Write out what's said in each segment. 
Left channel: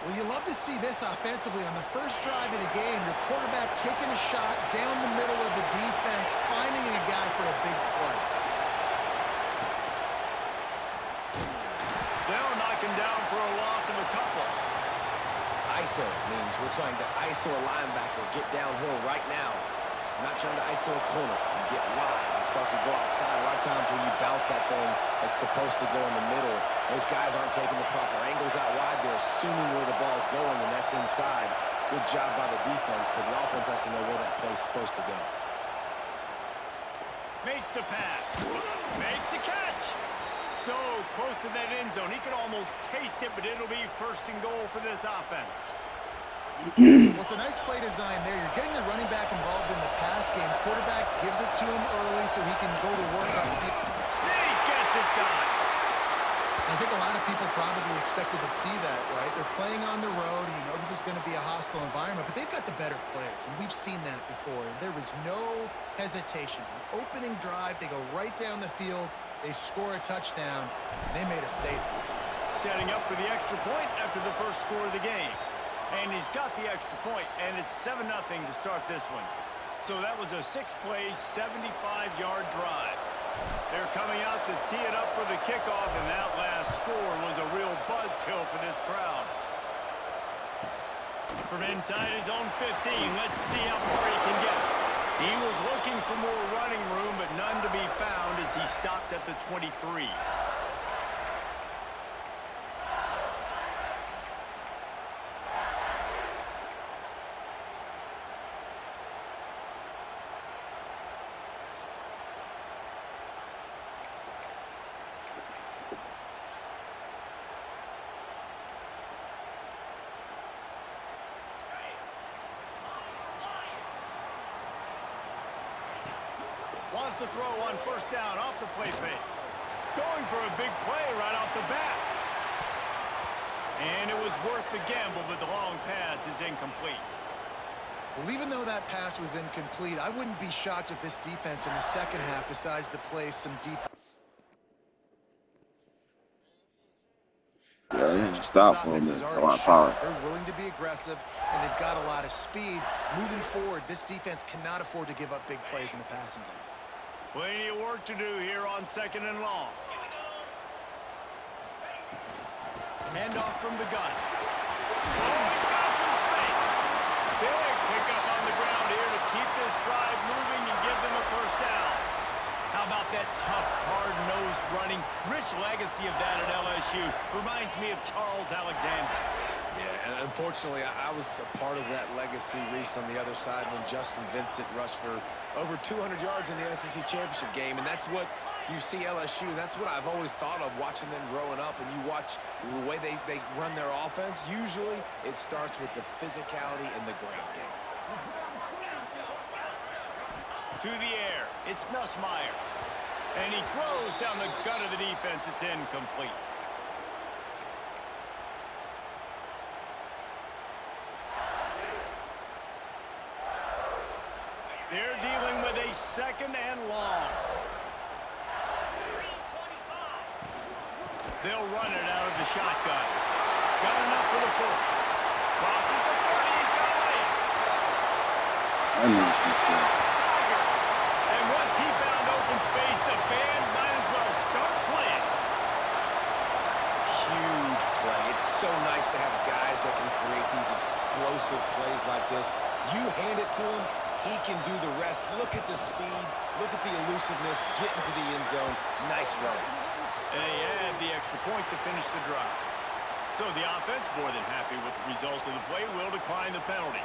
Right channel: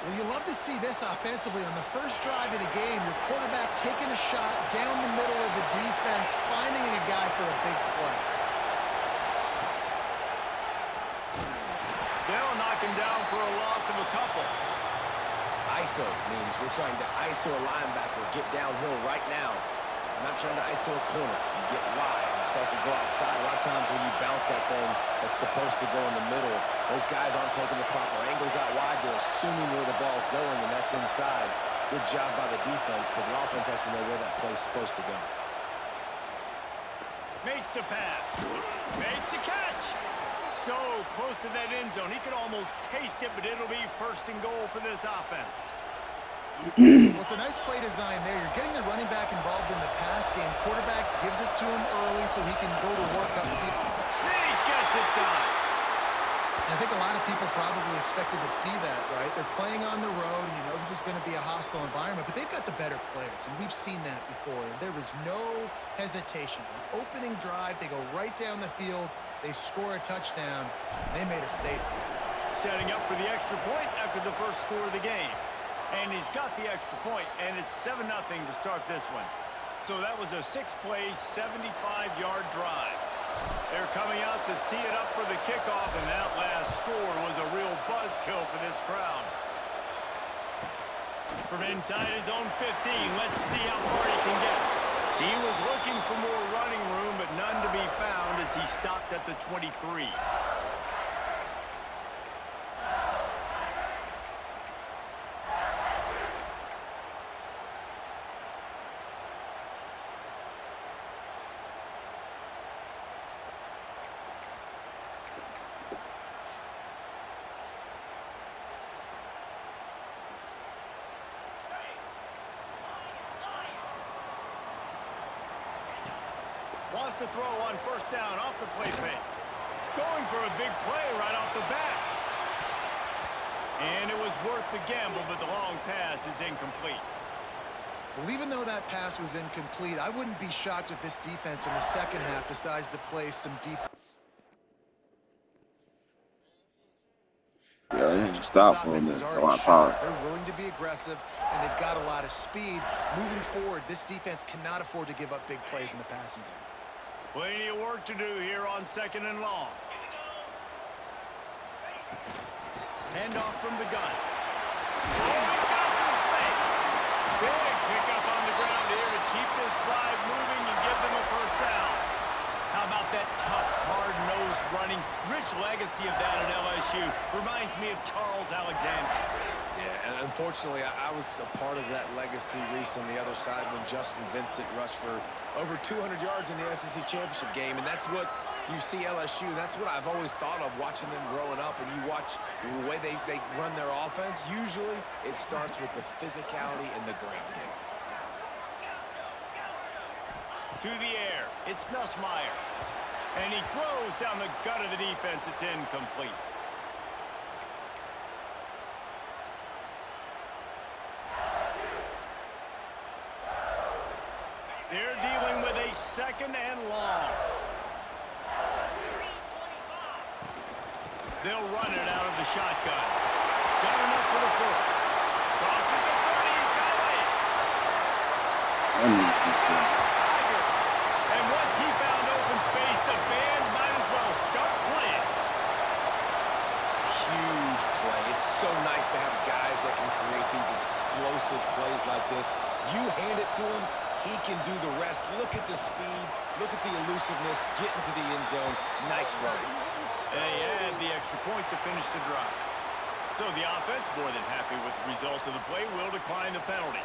Well, you love to see this offensively on the first drive of the game. Your quarterback taking a shot down the middle of the defense, finding a guy for a big play. They'll knock him down for a loss of a couple. ISO means we're trying to ISO a linebacker, get downhill right now. We're not trying to ISO a corner. You get wide and start to go outside. A lot of times when you bounce that thing that's supposed to go in the middle, those guys aren't taking the proper angles out wide. They're assuming where the ball's going, and that's inside. Good job by the defense, but the offense has to know where that play's supposed to go. Makes the pass. Makes the catch. So close to that end zone. He could almost taste it, but it'll be first and goal for this offense. Well, it's a nice play design there. You're getting the running back involved in the pass game. Quarterback gives it to him early so he can go to work upfield. Sneak gets it done. And I think a lot of people probably expected to see that, right? They're playing on the road, and you know this is going to be a hostile environment, but they've got the better players, and we've seen that before. And there was no hesitation. The opening drive, they go right down the field. They score a touchdown, and they made a statement. Setting up for the extra point after the first score of the game. And he's got the extra point, and it's 7-0 to start this one. So that was a 6-play, 75-yard drive. They're coming out to tee it up for the kickoff, and that last score was a real buzzkill for this crowd. From inside his own 15, let's see how far he can get. He was looking for more running room, but none to be found as he stopped at the 23. Wants to throw on first down off the play fake. Going for a big play right off the bat. And it was worth the gamble, but the long pass is incomplete. Well, even though that pass was incomplete, I wouldn't be shocked if this defense in the second half decides to play some deep. Yeah, stop for a minute. A lot of power. They're willing to be aggressive, and they've got a lot of speed. Moving forward, this defense cannot afford to give up big plays in the passing game. Plenty of work to do here on 2nd and long. Hand off from the gun. Oh, he's got some space. Big pickup on the ground here to keep this drive moving and give them a first down. How about that tough, hard-nosed running? Rich legacy of that at LSU. Reminds me of Charles Alexander. Yeah, and unfortunately, I was a part of that legacy, Reese, on the other side when Justin Vincent rushed for over 200 yards in the SEC Championship game, and that's what you see LSU. That's what I've always thought of watching them growing up, and you watch the way they run their offense. Usually, it starts with the physicality in the ground game. To the air, it's Nussmeier. And he throws down the gut of the defense. It's incomplete. They're dealing with a 2nd and long. They'll run it out of the shotgun. Got enough for the first. Crosses the 30. He's got away. Touchdown, Tiger. And once he found open space, the band might as well start playing. Huge play. It's so nice to have guys that can create these explosive plays like this. You hand it to him, he can do the rest. Look at the speed. Look at the elusiveness. Get into the end zone. Nice run. And they add the extra point to finish the drive. So the offense, more than happy with the result of the play, will decline the penalty.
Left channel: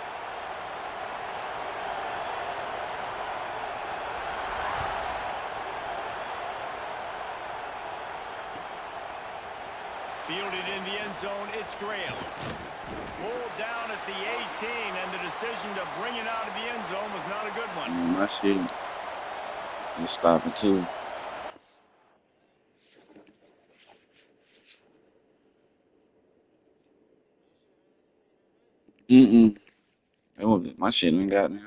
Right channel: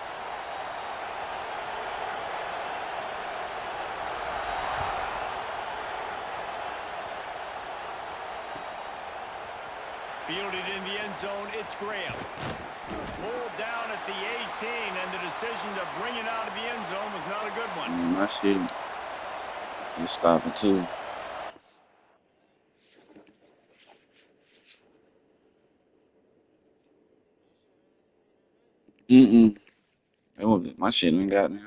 Fielded in the end zone, it's Graham. Pulled down at the 18, and the decision to bring it out of the end zone was not a good one. My shit. You stopping too. That was my shit ain't got now.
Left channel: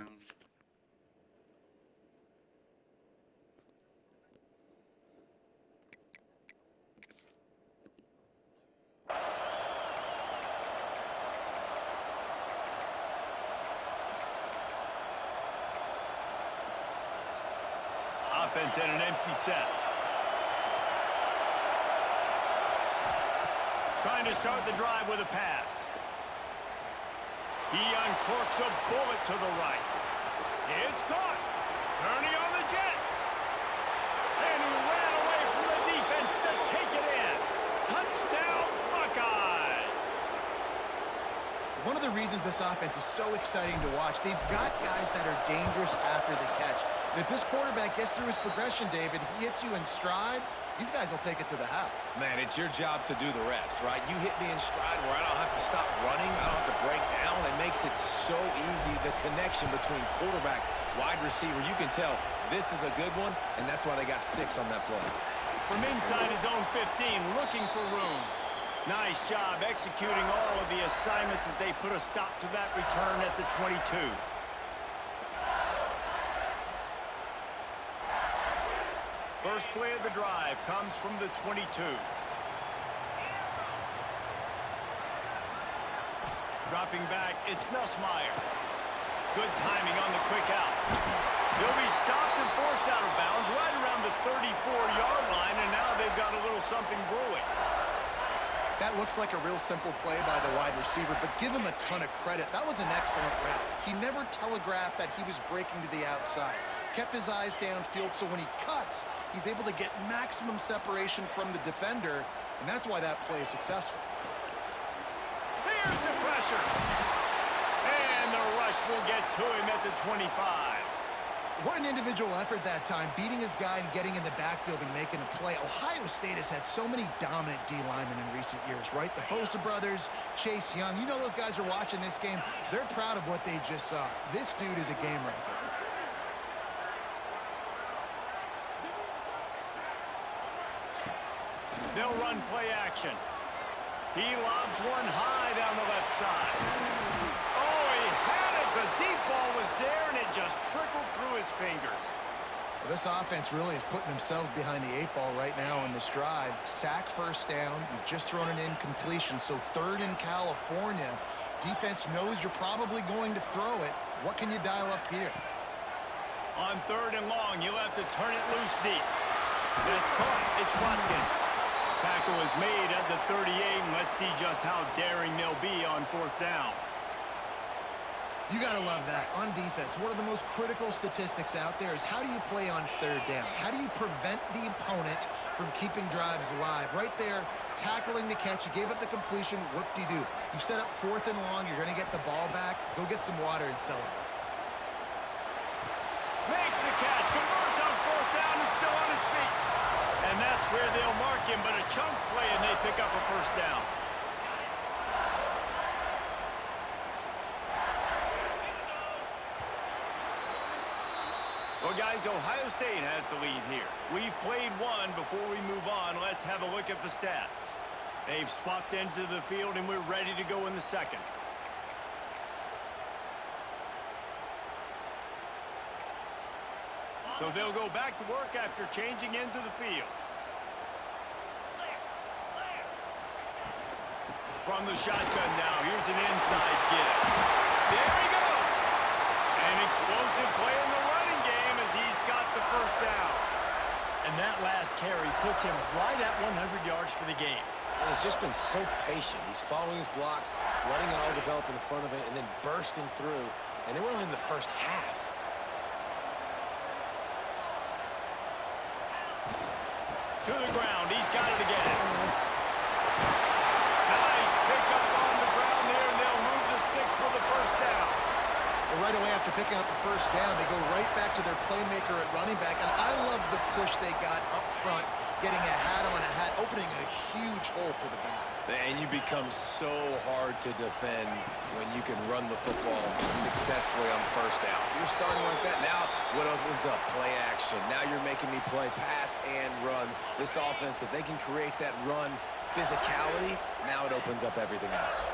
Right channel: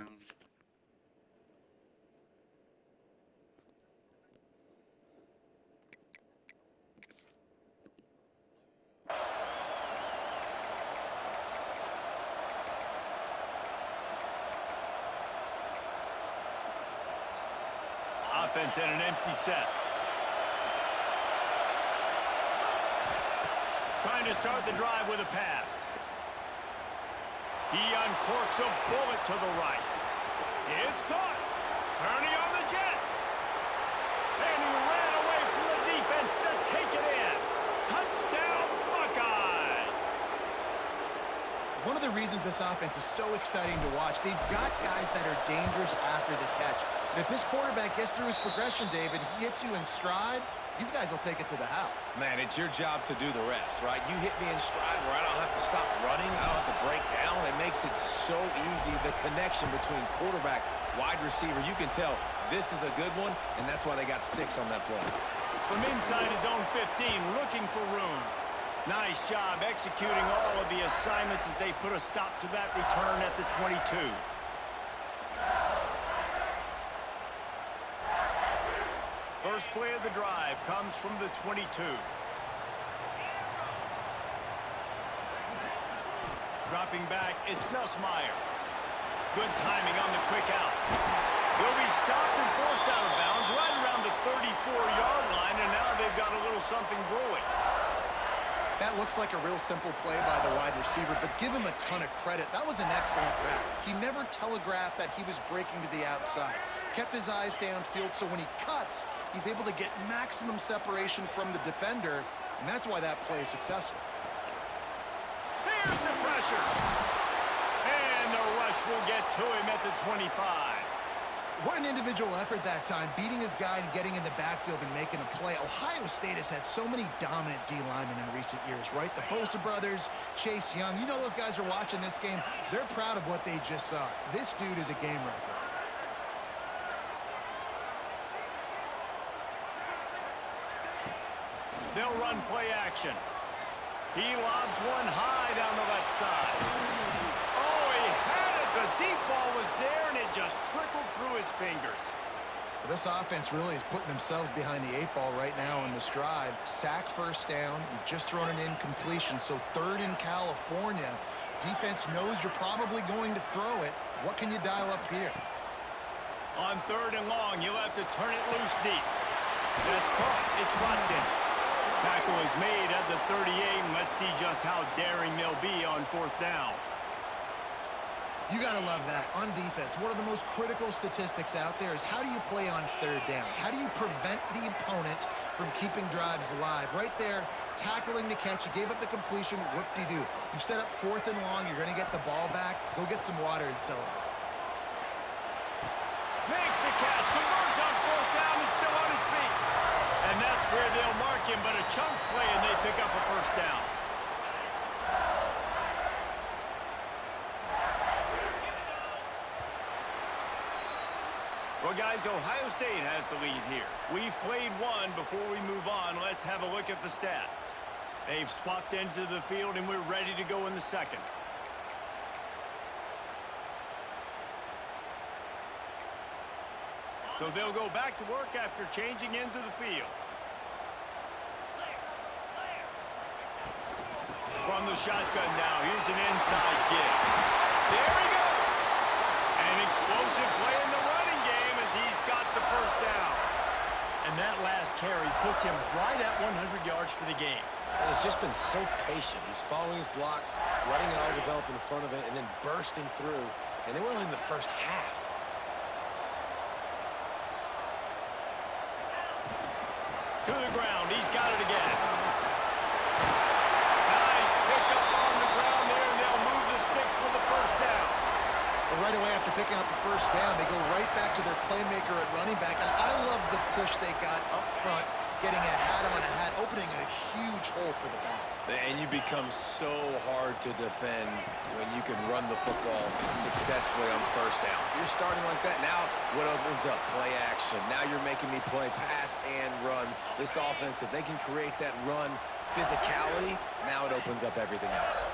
offense and an empty set. Trying to start the drive with a pass. He uncorks a bullet to the right. It's caught. Turning on the Jets. And he ran away from the defense to take it in. Touchdown, Buckeyes. One of the reasons this offense is so exciting to watch, they've got guys that are dangerous after the catch. And if this quarterback gets through his progression, David, he hits you in stride, these guys will take it to the house. Man, it's your job to do the rest, right? You hit me in stride where I don't have to stop running. I don't have to break down. It makes it so easy. The connection between quarterback, wide receiver, you can tell this is a good one, and that's why they got 6 on that play. From inside his own 15, looking for room. Nice job executing all of the assignments as they put a stop to that return at the 22. First play of the drive comes from the 22. Dropping back, it's Nussmeier. Good timing on the quick out. He'll be stopped and forced out of bounds right around the 34-yard line, and now they've got a little something brewing. That looks like a real simple play by the wide receiver, but give him a ton of credit. That was an excellent route. He never telegraphed that he was breaking to the outside. Kept his eyes downfield, so when he cuts, he's able to get maximum separation from the defender, and that's why that play is successful. Here's the pressure. And the rush will get to him at the 25. What an individual effort that time, beating his guy and getting in the backfield and making a play. Ohio State has had so many dominant D linemen in recent years, right? The Bosa brothers, Chase Young. You know those guys are watching this game. They're proud of what they just saw. This dude is a game wrecker. They'll run play action. He lobs one high down the left side. Oh, he had it. The deep ball was there, and it just trickled through his fingers. Well, this offense really is putting themselves behind the 8 ball right now in this drive. Sack first down. You've just thrown an incompletion, so 3rd in California. Defense knows you're probably going to throw it. What can you dial up here? On 3rd and long, you'll have to turn it loose deep. That's caught. It's Watkins. Tackle is made at the 38, and let's see just how daring they'll be on 4th down. You got to love that. On defense, one of the most critical statistics out there is how do you play on 3rd down? How do you prevent the opponent from keeping drives alive? Right there, tackling the catch. You gave up the completion. Whoop-de-doo. You've set up 4th and long. You're going to get the ball back. Go get some water and celebrate. Makes the catch. Converts on 4th down. Is still on his feet. And that's where they'll mark him, but a chunk play, and they pick up a 1st down. Well, guys, Ohio State has the lead here. We've played one. Before we move on, let's have a look at the stats. They've swapped ends of the field, and we're ready to go in the 2nd. So they'll go back to work after changing into the field. From the shotgun now, here's an inside give. There he goes! An explosive play in the running game as he's got the 1st down. And that last carry puts him right at 100 yards for the game. And he's just been so patient. He's following his blocks, letting it all develop in front of it, and then bursting through. And they were only in the first half. To the ground, he's got it again. Nice pickup on the ground there, and they'll move the sticks with the 1st down. Well, right away after picking up the 1st down, they go right back to their playmaker at running back. And I love the push they got up front, getting a hat on a hat, opening a huge hole for the back. And you become so hard to defend when you can run the football successfully on 1st down. You're starting like that. Now what opens up? Play action. Now you're making me play pass and run. This offense, if they can create that run physicality, now it opens up everything else.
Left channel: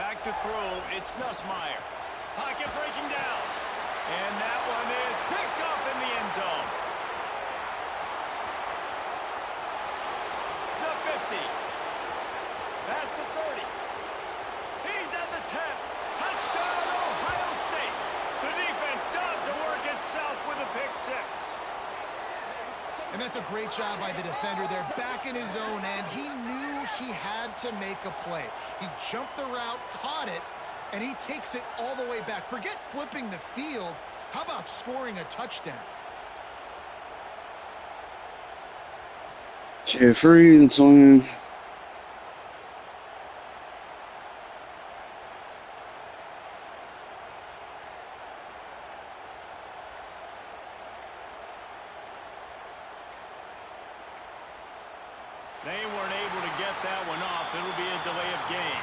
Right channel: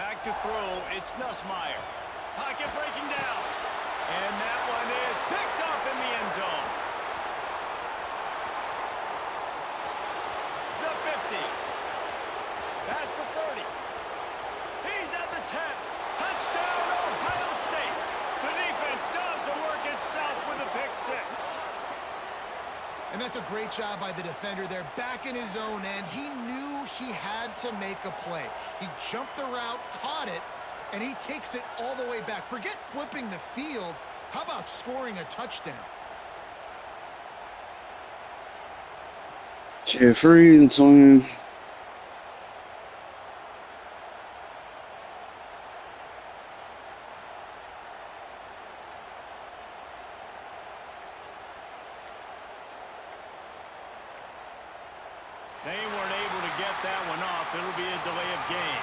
Back to throw, it's Nussmeier. Pocket breaking down. And that one is picked off in the end zone. The 50. Past the 30. He's at the 10. Touchdown, Ohio State. The defense does the work. It's itself with a pick six. And that's a great job by the defender there, back in his own end. He knew he had to make a play. He jumped the route, caught it, and he takes it all the way back. Forget flipping the field. How about scoring a touchdown? Jeffrey and Son. They weren't able to get that one off. It'll be a delay of game.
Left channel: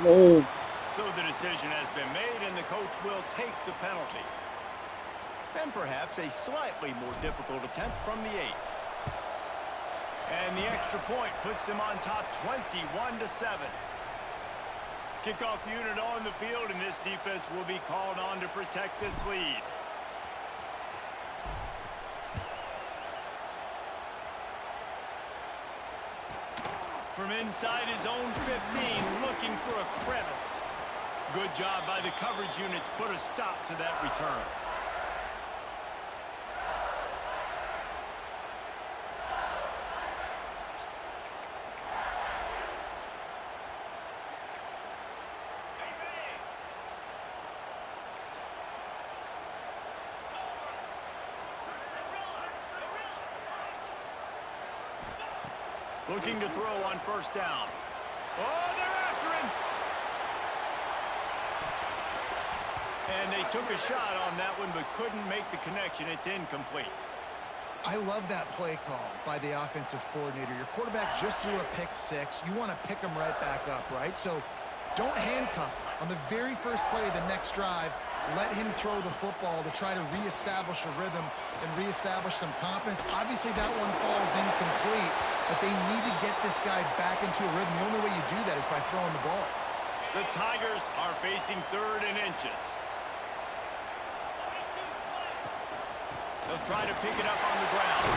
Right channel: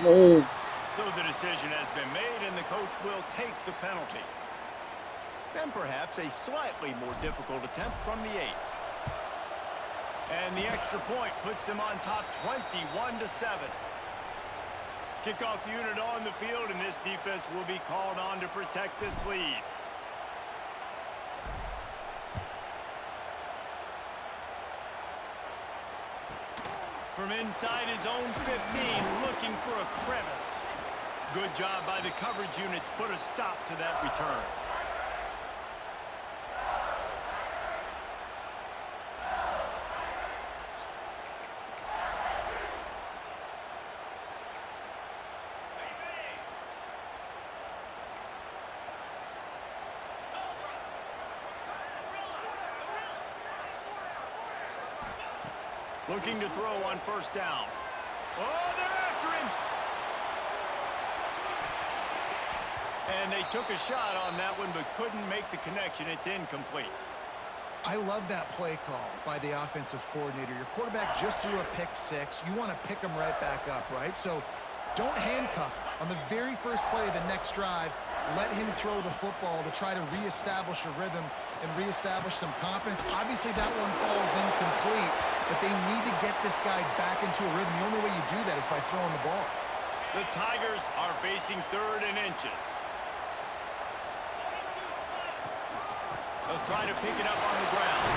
No. So the decision has been made, and the coach will take the penalty. And perhaps a slightly more difficult attempt from the 8. And the extra point puts them on top 21-7. Kickoff unit on the field, and this defense will be called on to protect this lead. From inside his own 15, looking for a crevice. Good job by the coverage unit to put a stop to that return. Looking to throw on first down. Oh, they're after him. And they took a shot on that one, but couldn't make the connection. It's incomplete. I love that play call by the offensive coordinator. Your quarterback just threw a pick six. You want to pick him right back up, right? So don't handcuff him. On the very first play of the next drive, let him throw the football to try to reestablish a rhythm and reestablish some confidence. Obviously, that one falls incomplete, but they need to get this guy back into a rhythm. The only way you do that is by throwing the ball. The Tigers are facing 3rd and inches. They'll try to pick it up on the ground.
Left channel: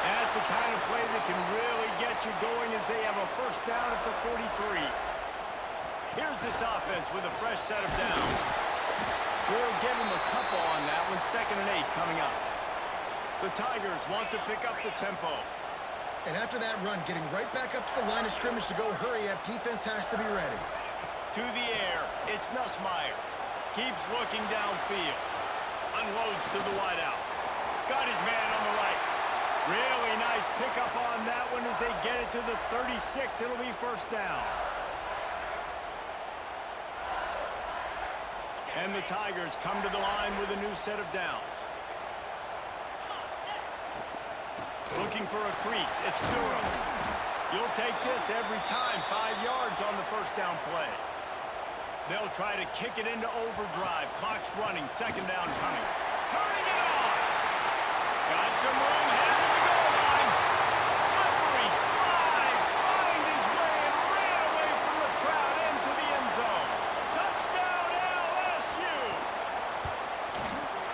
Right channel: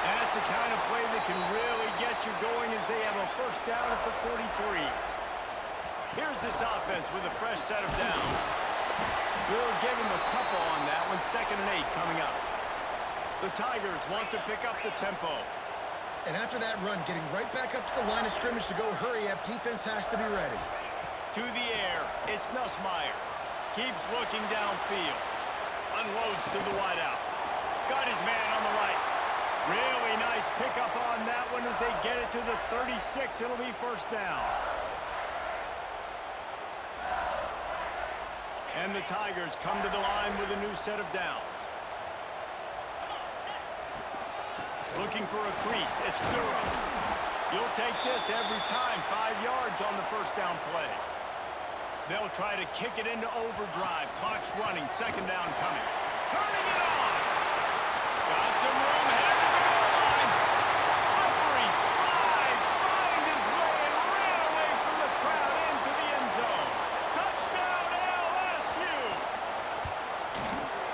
That's the kind of play that can really get you going as they have a first down at the 43. Here's this offense with a fresh set of downs. We'll give him a couple on that one. 2nd and 8 coming up. The Tigers want to pick up the tempo. And after that run, getting right back up to the line of scrimmage to go hurry up, defense has to be ready. To the air, it's Nussmeier. Keeps looking downfield. Unloads to the wideout. Got his man on the right. Really nice pickup on that one as they get it to the 36. It'll be first down. And the Tigers come to the line with a new set of downs. Looking for a crease. It's Durham. You'll take this every time. 5 yards on the first down play. They'll try to kick it into overdrive. Clock's running. 2nd down coming. Turning it on. Got some room. Headed to the goal line. Slippery slide. Find his way and ran away from the crowd into the end zone. Touchdown LSU.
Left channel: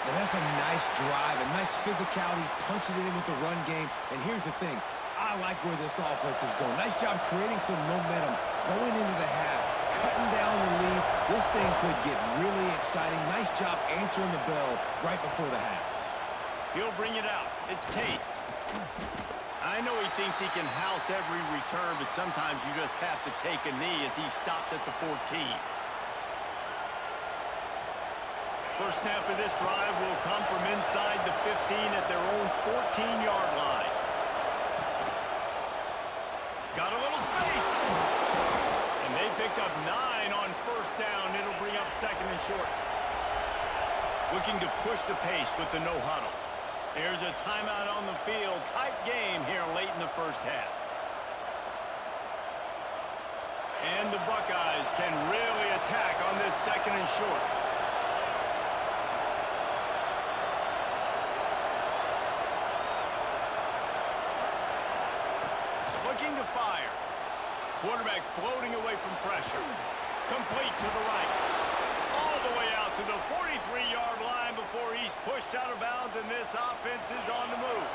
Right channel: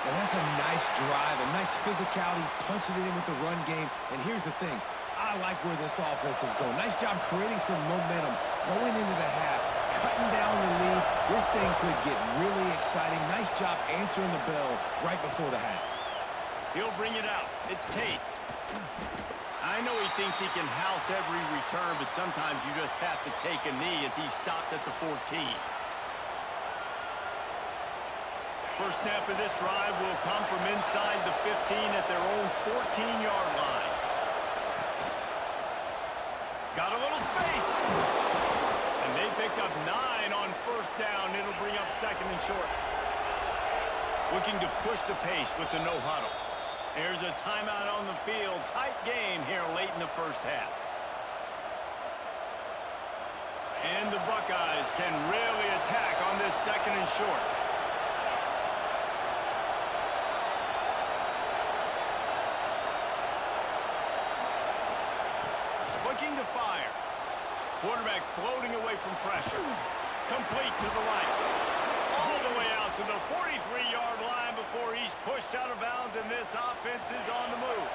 And that's a nice drive, a nice physicality, punching it in with the run game. And here's the thing. I like where this offense is going. Nice job creating some momentum, going into the half, cutting down the lead. This thing could get really exciting. Nice job answering the bell right before the half. He'll bring it out. It's Tate. I know he thinks he can house every return, but sometimes you just have to take a knee as he stopped at the 14. First snap of this drive will come from inside the 15 at their own 14-yard line. Got a little space. And they picked up 9 on first down. It'll bring up 2nd and short. Looking to push the pace with the no huddle. There's a timeout on the field. Tight game here late in the first half. And the Buckeyes can really attack on this 2nd and short. Looking to fire. Quarterback floating away from pressure. Complete to the right. All the way out to the 43-yard line before he's pushed out of bounds, and this offense is on the move.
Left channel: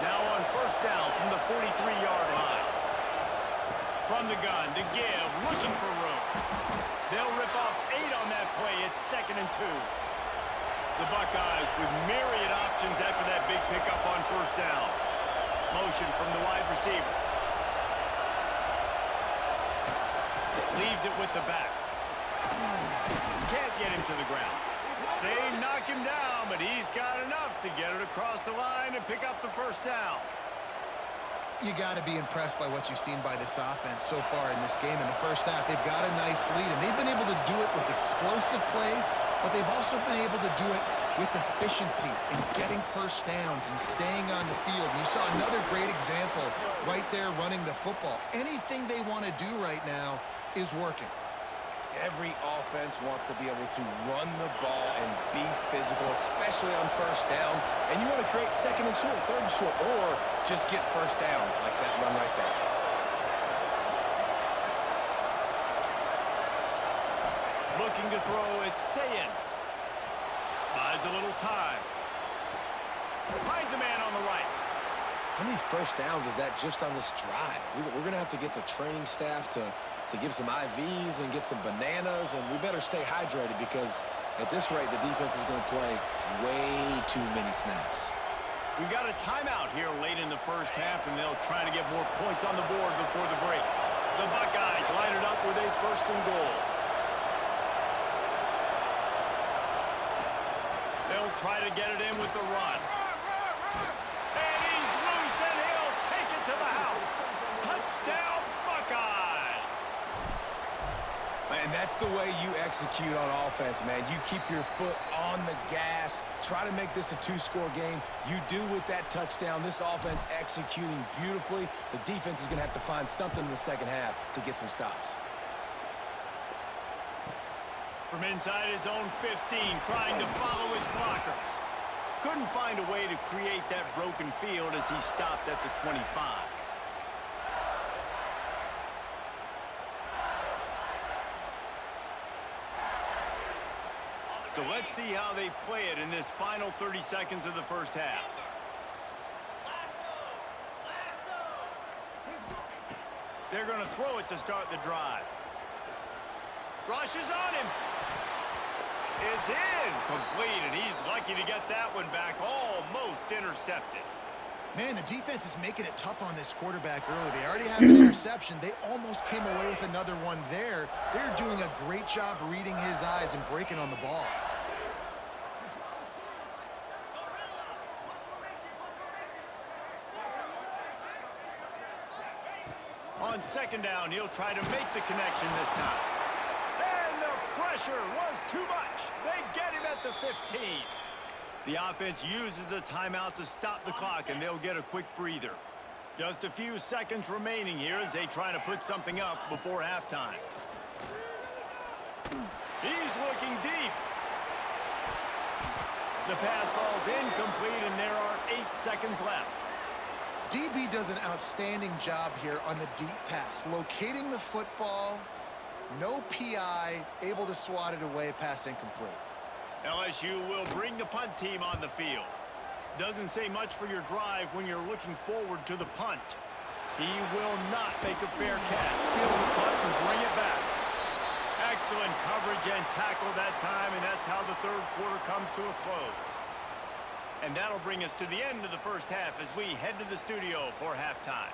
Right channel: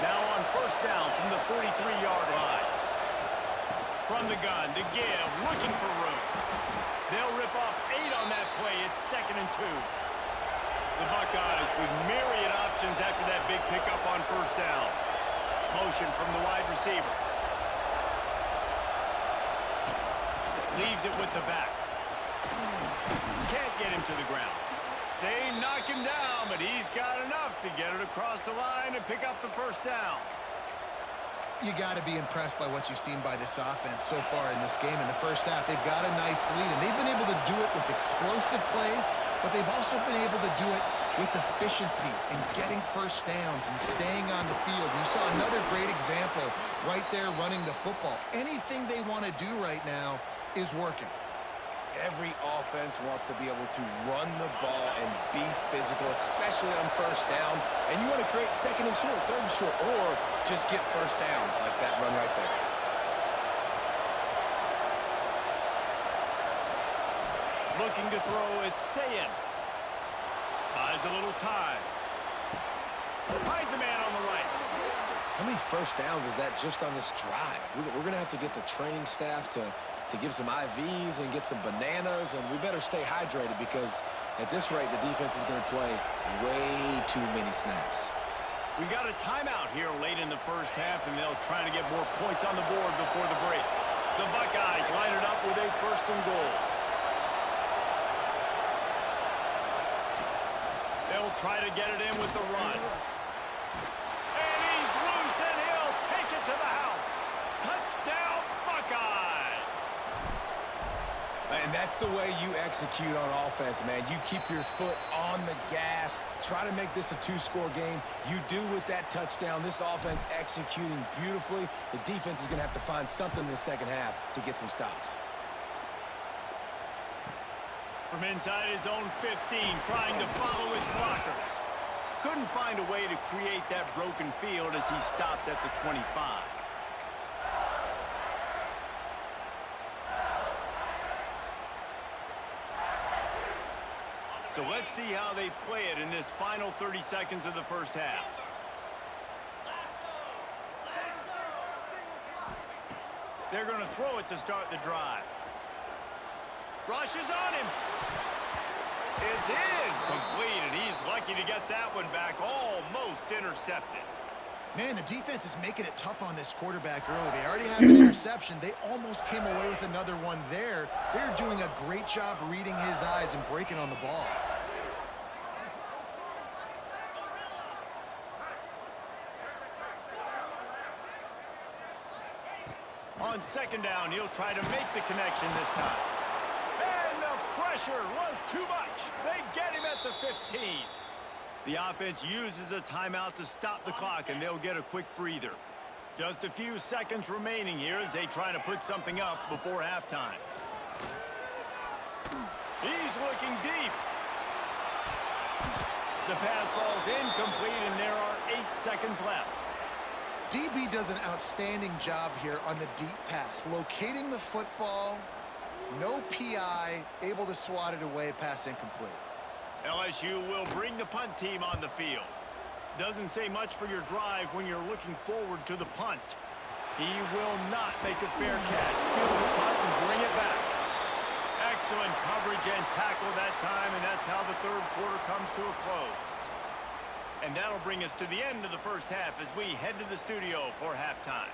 Now on first down from the 43-yard line. From the gun to give, looking for room. They'll rip off 8 on that play. It's 2nd and 2. The Buckeyes with myriad options after that big pickup on first down. Motion from the wide receiver. Leaves it with the back. Can't get him to the ground. They knock him down, but he's got enough to get it across the line and pick up the first down. You got to be impressed by what you've seen by this offense so far in this game. In the first half, they've got a nice lead, and they've been able to do it with explosive plays, but they've also been able to do it with efficiency and getting first downs and staying on the field. And you saw another great example right there running the football. Anything they want to do right now is working. Every offense wants to be able to run the ball and be physical, especially on first down. And you want to create 2nd and short, 3rd and short, or just get first downs like that run right there. Looking to throw, it's Sayin. Buys a little time. Finds a man on the right. How many first downs is that just on this drive? We're going to have to get the training staff to give some IVs and get some bananas, and we better stay hydrated because at this rate, the defense is going to play way too many snaps. We've got a timeout here late in the first half, and they'll try to get more points on the board before the break. The Buckeyes line it up with a 1st and goal. They'll try to get it in with the run. And he's loose, and he'll take it to the house. Touchdown, Buckeyes! And that's the way you execute on offense, man. You keep your foot on the gas. Try to make this a 2-score game. You do with that touchdown. This offense executing beautifully. The defense is going to have to find something in the second half to get some stops. From inside his own 15, trying to follow his blockers. Couldn't find a way to create that broken field as he stopped at the 25. So let's see how they play it in this final 30 seconds of the first half. They're going to throw it to start the drive. Rushes on him. It's incomplete, and he's lucky to get that one back, almost intercepted. Man, the defense is making it tough on this quarterback early. They already have an interception. They almost came away with another one there. They're doing a great job reading his eyes and breaking on the ball. On 2nd down, he'll try to make the connection this time. And the pressure was too much. They get him at the 15. The offense uses a timeout to stop the clock, and they'll get a quick breather. Just a few seconds remaining here as they try to put something up before halftime. He's looking deep. The pass falls incomplete, and there are 8 seconds left. DB does an outstanding job here on the deep pass, locating the football, no PI, able to swat it away, pass incomplete. LSU will bring the punt team on the field. Doesn't say much for your drive when you're looking forward to the punt. He will not make a fair catch. Field the punt and bring it back. Excellent coverage and tackle that time, and that's how the 3rd quarter comes to a close. And that'll bring us to the end of the first half as we head to the studio for halftime.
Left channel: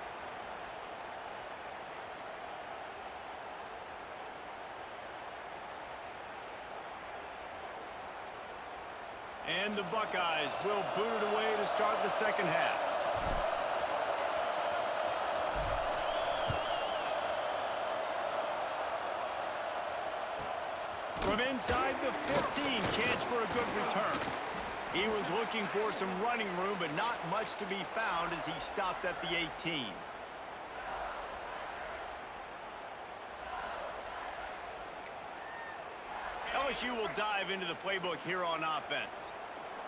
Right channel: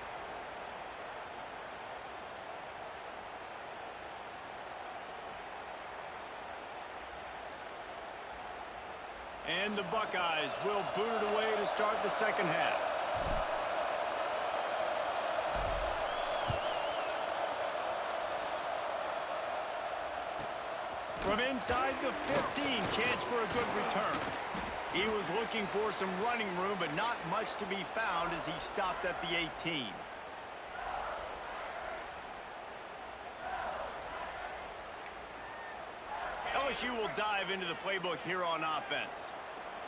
And the Buckeyes will boot it away to start the second half. From inside the 15, chance for a good return. He was looking for some running room, but not much to be found as he stopped at the 18. LSU will dive into the playbook here on offense.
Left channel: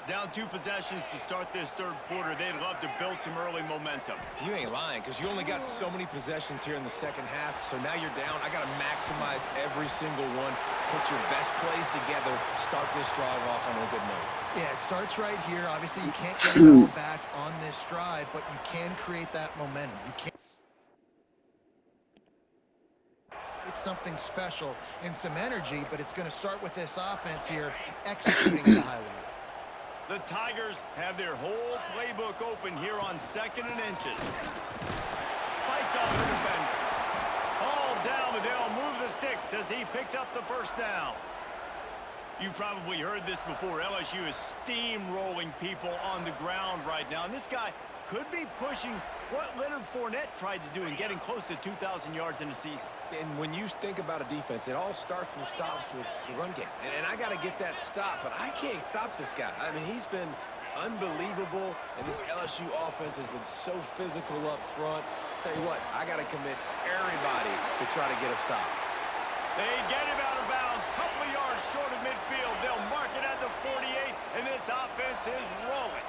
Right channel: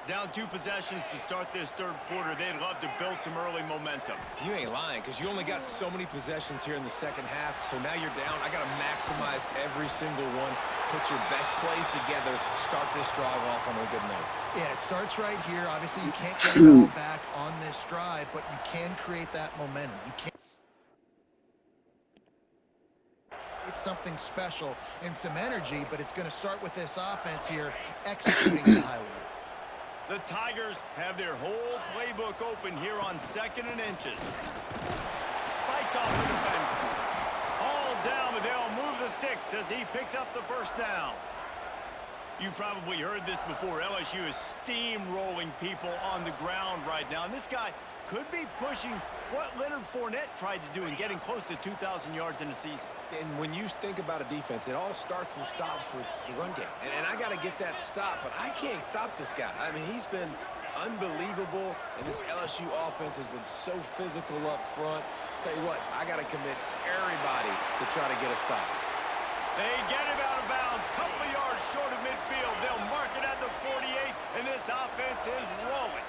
Down 2 possessions to start this 3rd quarter. They'd love to build some early momentum. You ain't lying, because you only got so many possessions here in the second half, so now you're down. I got to maximize every single one, put your best plays together, start this drive off on a good note. Yeah, it starts right here. Obviously, you can't get it all back on this drive, but you can create that momentum. You can't. create something special and some energy, but it's going to start with this offense here executing at a high level. The Tigers have their whole playbook open here on 2nd and inches. Fights off the defender. All down, but they'll move the sticks as he picks up the first down. You've probably heard this before. LSU is steamrolling people on the ground right now. And this guy could be pushing what Leonard Fournette tried to do in getting close to 2,000 yards in a season. And when you think about a defense, it all starts and stops with the run game. And I got to get that stop, but I can't stop this guy. I mean, he's been unbelievable, and this LSU offense has been so physical up front. Tell you what, I got to commit everybody to try to get a stop. They get him out of bounds, couple of yards short of midfield. They'll mark it at the 48, and this offense is rolling.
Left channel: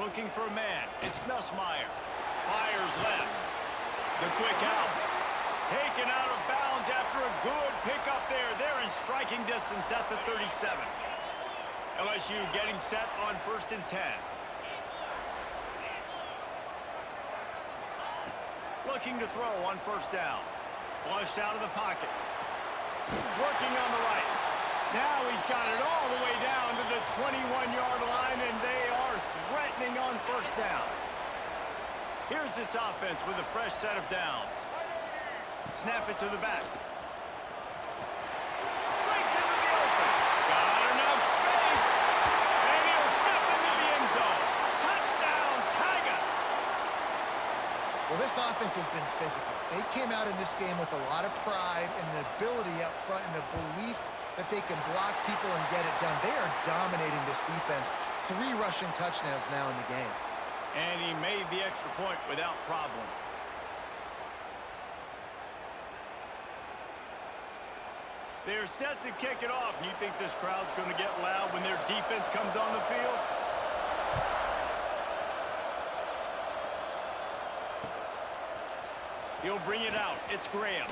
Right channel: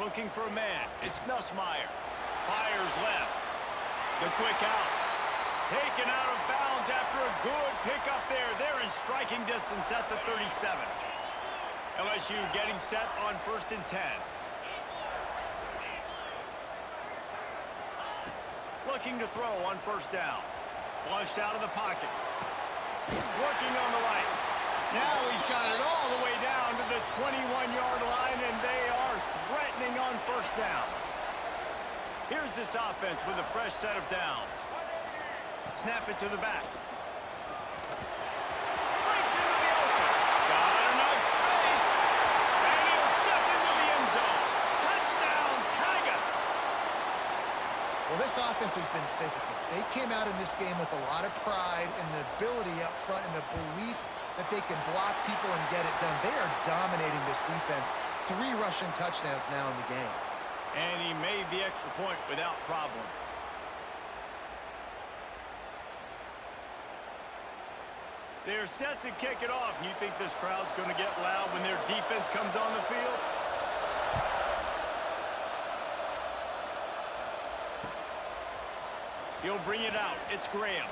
Looking for a man. It's Nussmeier. Fires left. The quick out. Taken out of bounds after a good pickup there. They're in striking distance at the 37. LSU getting set on 1st and 10. Looking to throw on 1st down. Flushed out of the pocket. Working on the right. Now he's got it all the way down to the 21-yard line, and they are threatening on 1st down. Here's this offense with a fresh set of downs. Snap it to the back. Breaks into the open. Got enough space. And he'll step into the end zone. Touchdown, Tigers. Well, this offense has been physical. They came out in this game with a lot of pride and the ability up front and the belief that they can block people and get it done. They are dominating this defense. 3 rushing touchdowns now in the game. And he made the extra point without problem. They're set to kick it off, and you think this crowd's going to get loud when their defense comes on the field? He'll bring it out. It's Graham.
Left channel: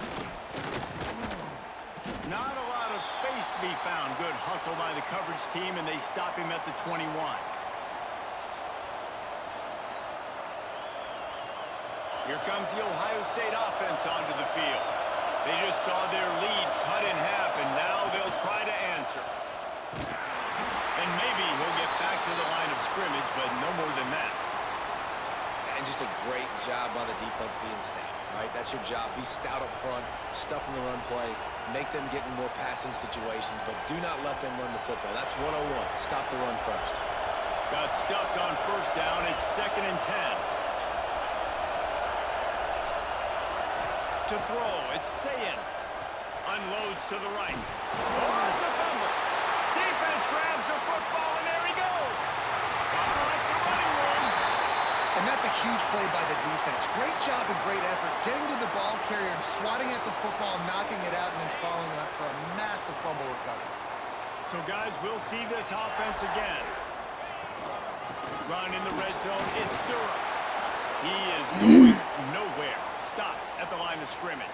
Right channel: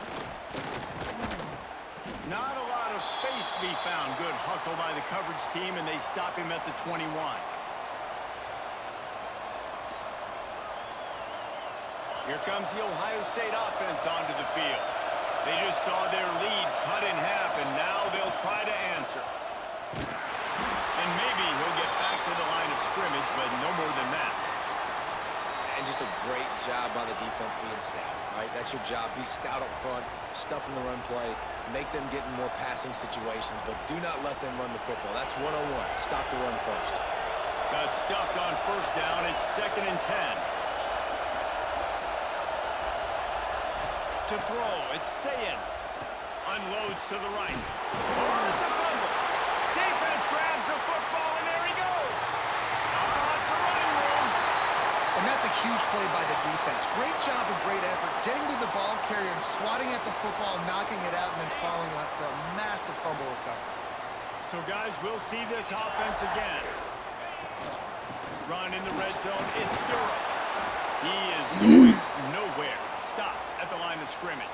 Not a lot of space to be found. Good hustle by the coverage team, and they stop him at the 21. Here comes the Ohio State offense onto the field. They just saw their lead cut in half, and now they'll try to answer. And maybe he'll get back to the line of scrimmage, but no more than that. And just a great job by the defense being stout, right? That's your job. Be stout up front, stuff in the run play, make them get in more passing situations, but do not let them run the football. That's 101. Stop the run first. Got stuffed on 1st down. It's 2nd and 10. To throw, it's Sayin. Unloads to the right. Oh, it's a fumble. Defense grabs the football, and there he goes. Oh, it's a running room. And that's a huge play by the defense. Great job and great effort getting to the ball carrier and swatting at the football, knocking it out, and then following up for a massive fumble recovery. So, guys, we'll see this offense again. Run in the red zone. It's Durham. He is going nowhere. Stop at the line of scrimmage.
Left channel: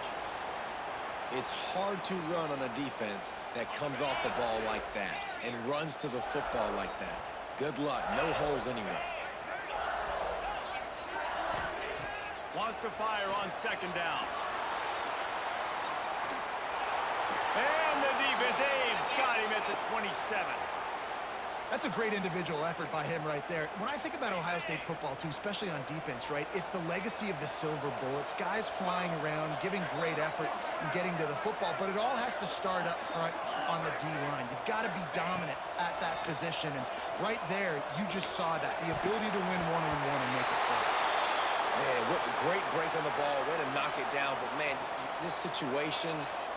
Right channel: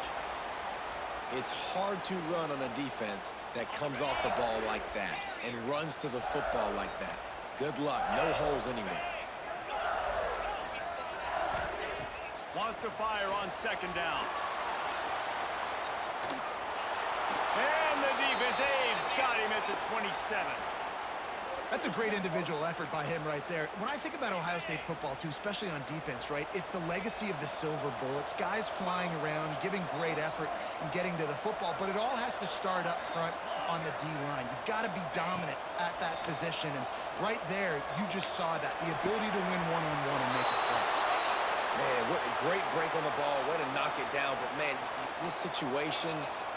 It's hard to run on a defense that comes off the ball like that and runs to the football like that. Good luck. No holes anywhere. Wants to fire on 2nd down. And the defense, they've got him at the 27. That's a great individual effort by him right there. When I think about Ohio State football, too, especially on defense, right, it's the legacy of the Silver Bullets, guys flying around, giving great effort and getting to the football, but it all has to start up front on the D-line. You've got to be dominant at that position, and right there, you just saw that, the ability to win one-on-one and make a play. Man, what a great break on the ball. Way to knock it down. But, man, this situation,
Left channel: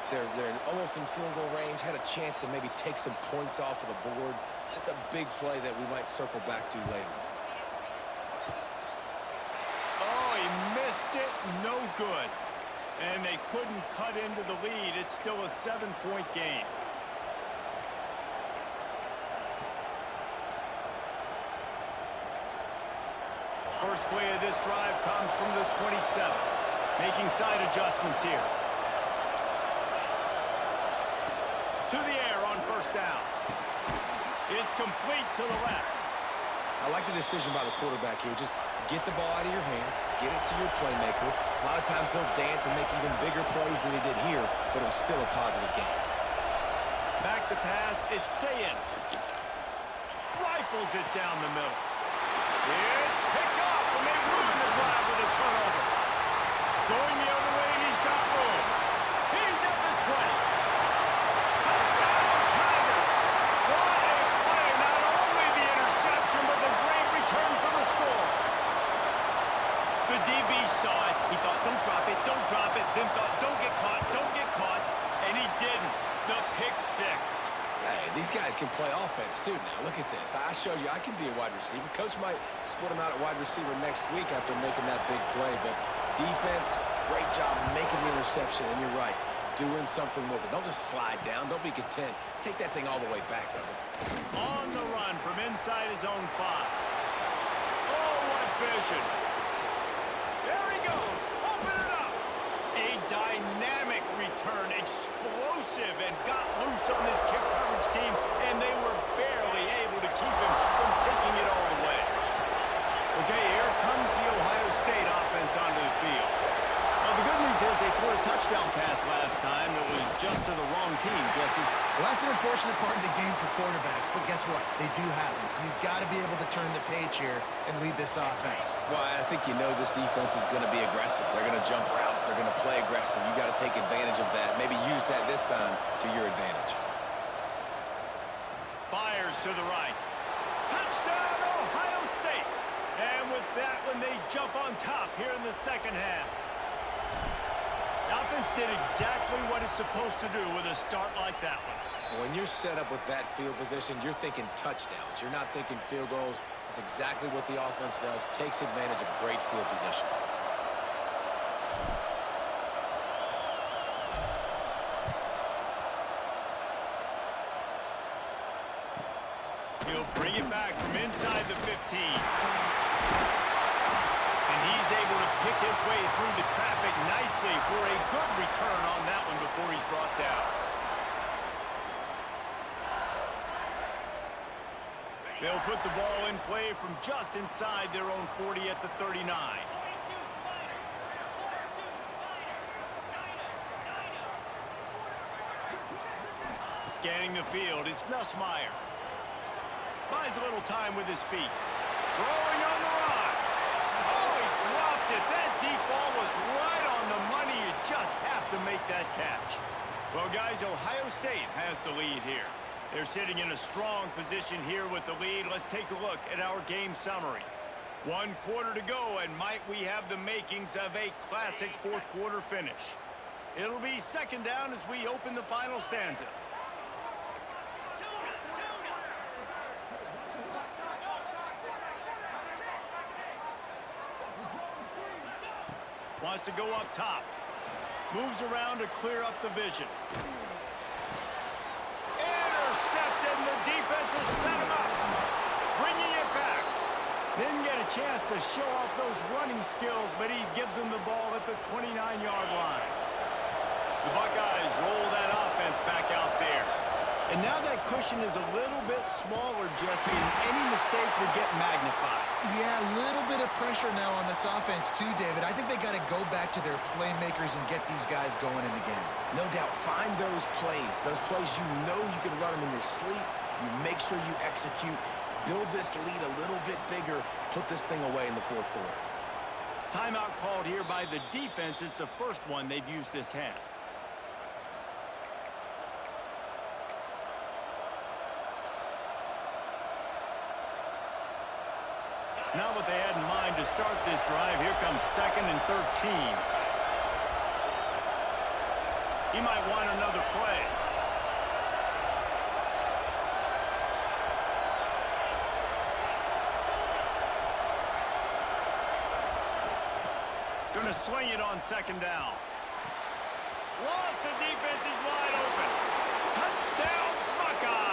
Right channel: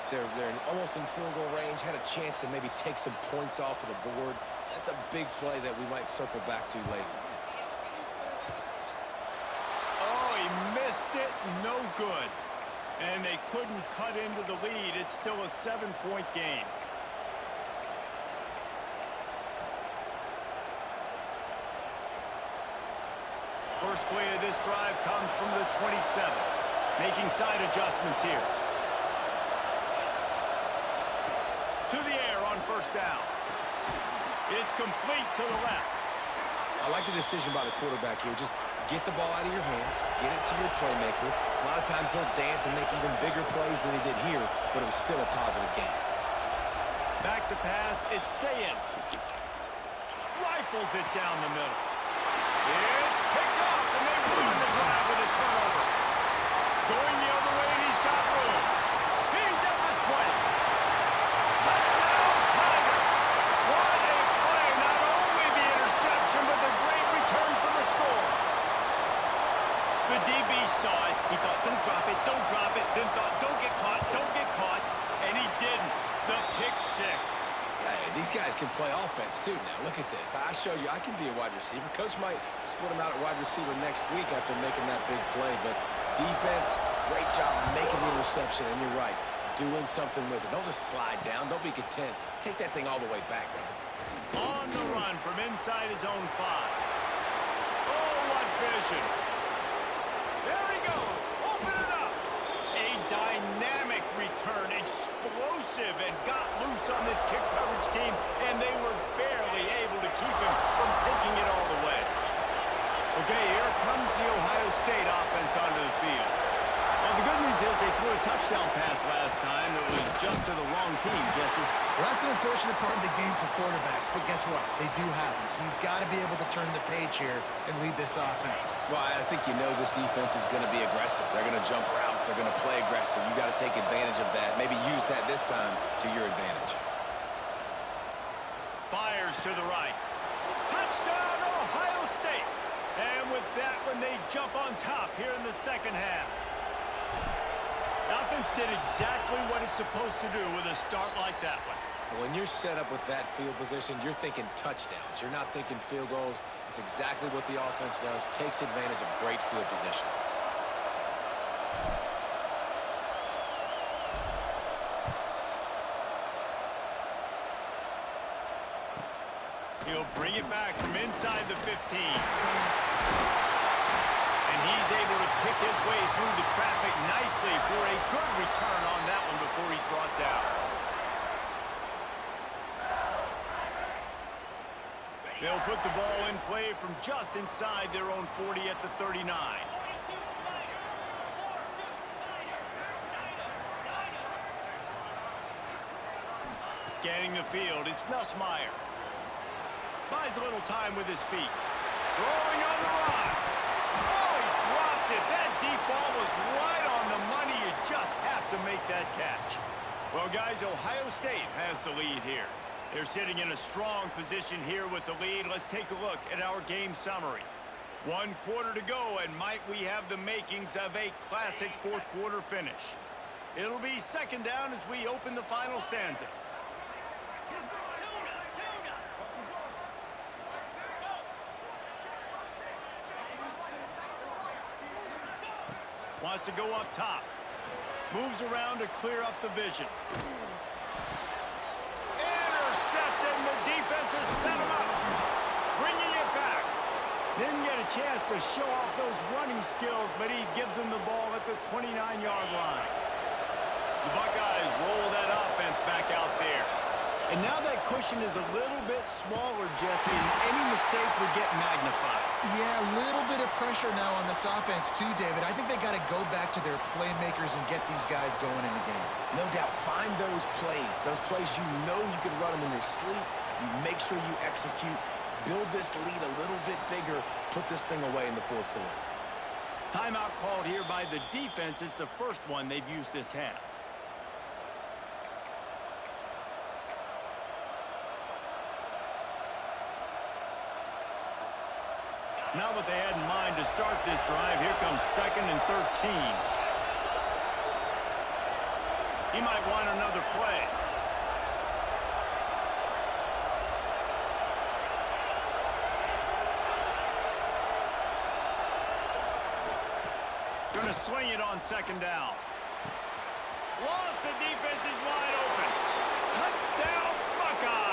they're almost in field goal range, had a chance to maybe take some points off of the board. That's a big play that we might circle back to later. Oh, he missed it. No good. And they couldn't cut into the lead. It's still a 7-point game. First play of this drive comes from the 27. Making side adjustments here. To the air on 1st down. It's complete to the left. I like the decision by the quarterback here. Just get the ball out of your hands, get it to your playmaker. A lot of times he'll dance and make even bigger plays than he did here, but it was still a positive game. Back to pass, it's Sayin. Rifles it down the middle. It's picked off, and they ruin the drive with a turnover. Going the other way, and he's got room. He's at the 20. Touchdown, Tigers! What a play! Not only the interception, but the great return for the score. The DB saw it. He thought, don't drop it, don't drop it. Then thought, don't get caught, and he didn't. The pick six. Hey, these guys can play offense, too, now. Look at this. I showed you I can be a wide receiver. Coach might split him out at wide receiver next week after making that big play, but defense, great job making the interception, and you're right, doing something with it. Don't just slide down. Don't be content. Take that thing all the way back, brother. On the run from inside his own 5. Oh, what vision. There he goes. Open it up. A dynamic return, explosive, and got loose on this kick coverage team, and they were barely able to keep him from taking it all the way. Okay, here comes the Ohio State offense onto the field. Well, the good news is they threw a touchdown pass last time. It was just to the wrong team, Jesse. Well, that's an unfortunate part of the game for quarterbacks, but guess what? They do have it, so you've got to be able to turn the page here and lead this offense. Well, I think you know this defense is going to be aggressive. They're going to jump routes. They're going to play aggressive. You got to take advantage of that. Maybe use that this time to your advantage. Fires to the right. Touchdown, Ohio State. And with that one, they jump on top here in the second half. The offense did exactly what it's supposed to do with a start like that one. When you're set up with that field position, you're thinking touchdowns. You're not thinking field goals. It's exactly what the offense does. Takes advantage of great field position. He'll bring it back from inside the 15. And he's able to pick his way through the traffic nicely for a good return on that one before he's brought down. They'll put the ball in play from just inside their own 40 at the 39. Scanning the field, it's Nussmeier. Buys a little time with his feet. Throwing on the run. Oh, he dropped it. That deep ball was right on the money. You just have to make that catch. Well, guys, Ohio State has the lead here. They're sitting in a strong position here with the lead. Let's take a look at our game summary. 1 quarter to go, and might we have the makings of a classic fourth quarter finish. It'll be second down as we open the final stanza. Wants to go up top. Moves around to clear up the vision. Intercepted, and the defense has set him up. Bringing it back. Didn't get a chance to show off those running skills, but he gives them the ball at the 29-yard line. The Buckeyes roll that offense back out there. And now that cushion is a little bit smaller, Jesse, and any mistake would get magnified. Yeah, a little bit of pressure now on this offense too, David. I think they got to go back to their playmakers and get these guys going in the game. No doubt, find those plays you know you can run them in your sleep. You make sure you execute, build this lead a little bit bigger, put this thing away in the fourth quarter. Timeout called here by the defense. It's the first one they've used this half. Now what they had in mind to start this drive, here comes 2nd and 13. He might want another play. Going to swing it on 2nd down. Lost the defense, he's wide open. Touchdown, Buckeyes!